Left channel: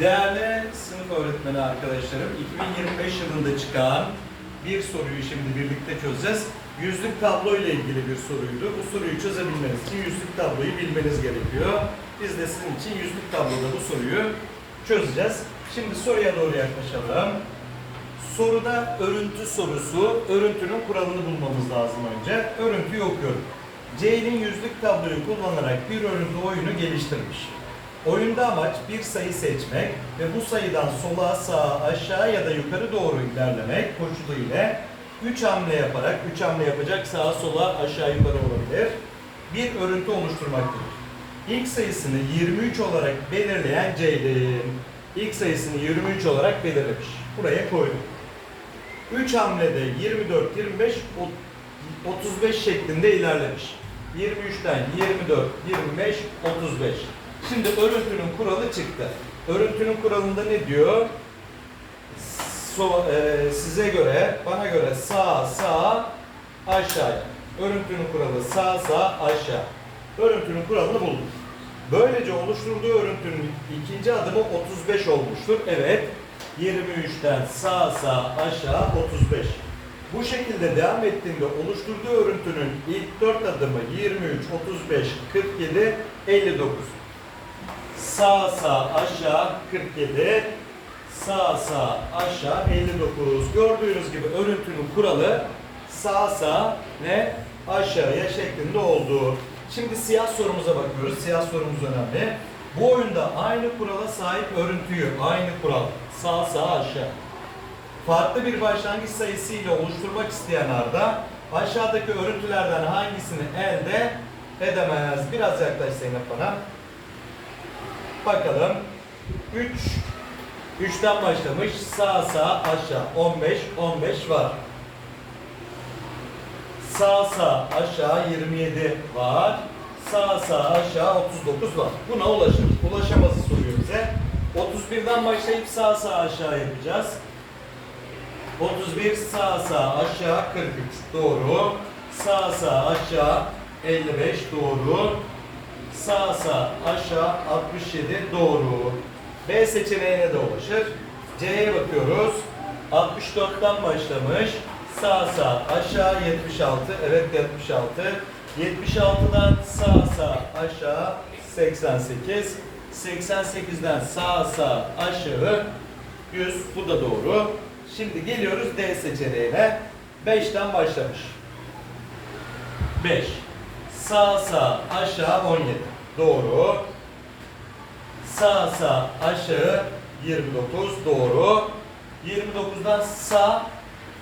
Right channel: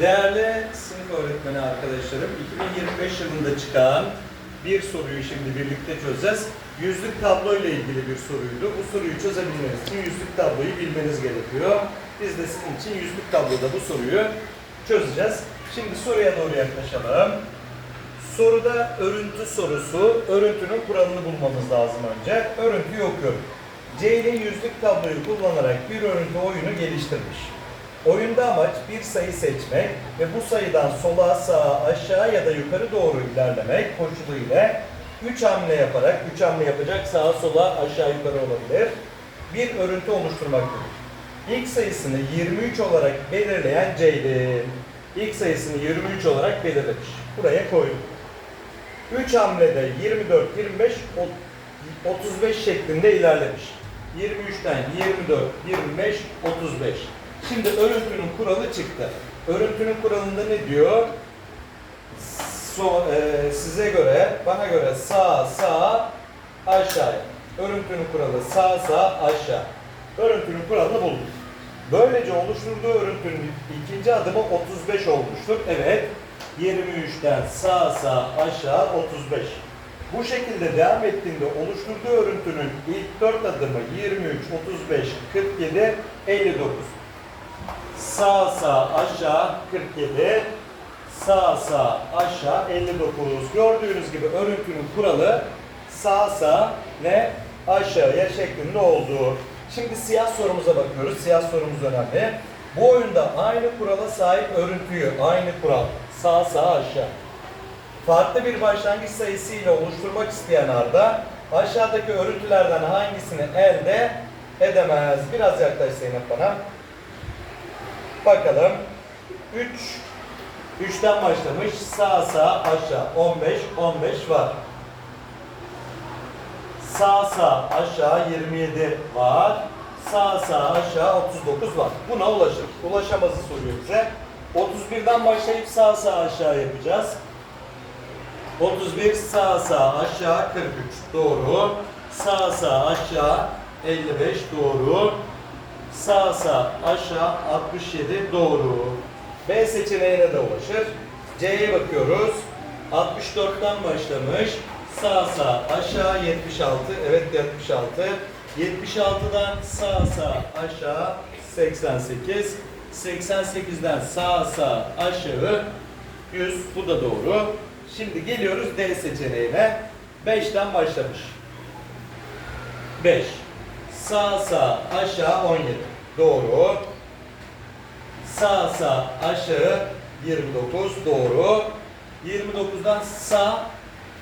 Değerli sınıf öğretmeni arkadaşlarım, 2025 yılında çıkan bir soruyu şimdi birlikte çözeceğiz. Yüzlük tablo ile ilgili bir soruydu. Bu soruyu çözebilmeniz için yüzlük tabloyu bilmeniz gerekiyor. Biz de sizin için yüzlük tabloda bu soruyu çözeceğiz. Şimdi soruya doğru yaklaşalım. Soruda örüntü sorusu, örüntünün kuralını bulmamız lazım önce. Örüntüyü okuyorum. Ceylin yüzlük tabloyu kullanarak bir örüntü oyunu geliştirmiş. Oyunda amaç bir sayı seçmek ve bu sayıdan sola, sağa, aşağı ya da yukarı doğru ilerlemek koşulu ile 3 hamle yaparak, 3 hamle yapacak sağa, sola, aşağı, yukarı olabilir. Bir örüntü oluşturmaktadır. İlk sayısını 23 olarak belirleyen Ceylin. İlk sayısını 23 olarak belirlemiş. Buraya koydum. 3 hamlede 24, 25, 35 şeklinde ilerlemiş. 23'ten 24, 25, 35. Şimdi örüntünün kuralı çıktı. Örüntünün kuralında ne diyor? So, e, size göre, bana göre sağ, sağ, aşağıya. Örüntünün kuralı sağ, sağ, aşağı. Örüntünün kuralını bulduk. Böylece oluşturduğu örüntünün ikinci adımı 35 olmuştur. Evet, 23'ten sağ, sağ, aşağı 35. Bu şekilde devam ettiğinde oluşturduğu örüntünün ilk 4 adımı 23, 35, 47, 59. Sağ sağ aşağı 47, sağ sağ aşağı 59. Gördüğünüz gibi örüntünün kuralı sağ sağ ve aşağıya şeklinde oldu. Şimdi siyah sorumuza bakıyoruz. Siyah sorumuz önemli. Bu oyunda aynı kurala sahip örüntüyü, aynı kural sağ sağ aşağı. Farklı bir başlangıç sayısı ile oluşturmak isteyen Arda aşağıdaki örüntülerden hangisini elde edemez? Biraz yaklaş Zeynep bana. Bakalım. 3 3'ten başlamış. Sağ sağ aşağı 15 15 var. Sağ sağ aşağı 27 var. Sağ sağ aşağı 39 var. Buna ulaşır. Ulaşamazı soruyor bize. 31'den başlayıp sağ sağ aşağı yapacağız. 31 sağ sağ aşağı 43 doğru. Sağ sağ aşağı 55 doğru. Sağ sağ aşağı 67 doğru. B seçeneğine de ulaşır. C'ye bakıyoruz. 64'ten başlamış. Sağ sağ aşağı 76. Evet 76. 76'dan sağ sağ aşağı 88. 88'den sağ sağ aşağı 100. Bu da doğru. Şimdi geliyoruz D seçeneğine. 5'ten başlamış. 5. Sağ sağ aşağı 17. Doğru. Sağ sağ aşağı 29. Doğru. 29'dan sağ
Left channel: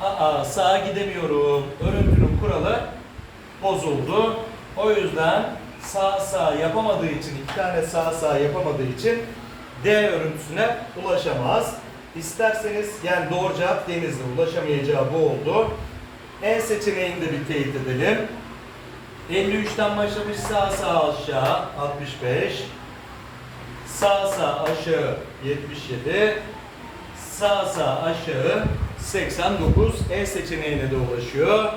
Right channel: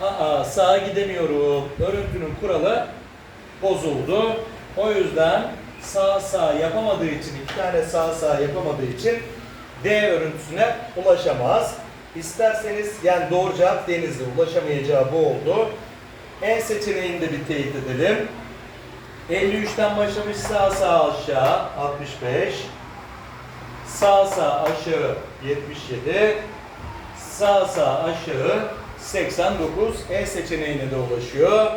Aa, sağa gidemiyorum. Örüntünün kuralı bozuldu. O yüzden sağ sağ yapamadığı için, iki tane sağ sağ yapamadığı için D örüntüsüne ulaşamaz. İsterseniz yani doğru cevap Denizli ulaşamayacağı bu oldu. En seçeneğini de bir teyit edelim. 53'ten başlamış sağ sağ aşağı 65. Sağ sağ aşağı 77. Sağ sağ aşağı 89. E seçeneğine de ulaşıyor.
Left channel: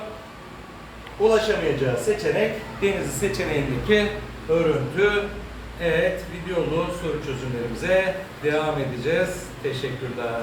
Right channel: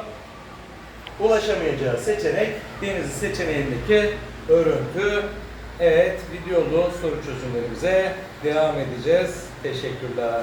Ulaşamayacağı seçenek Denizli seçeneğindeki örüntü. Evet, videolu soru çözümlerimize devam edeceğiz. Teşekkürler.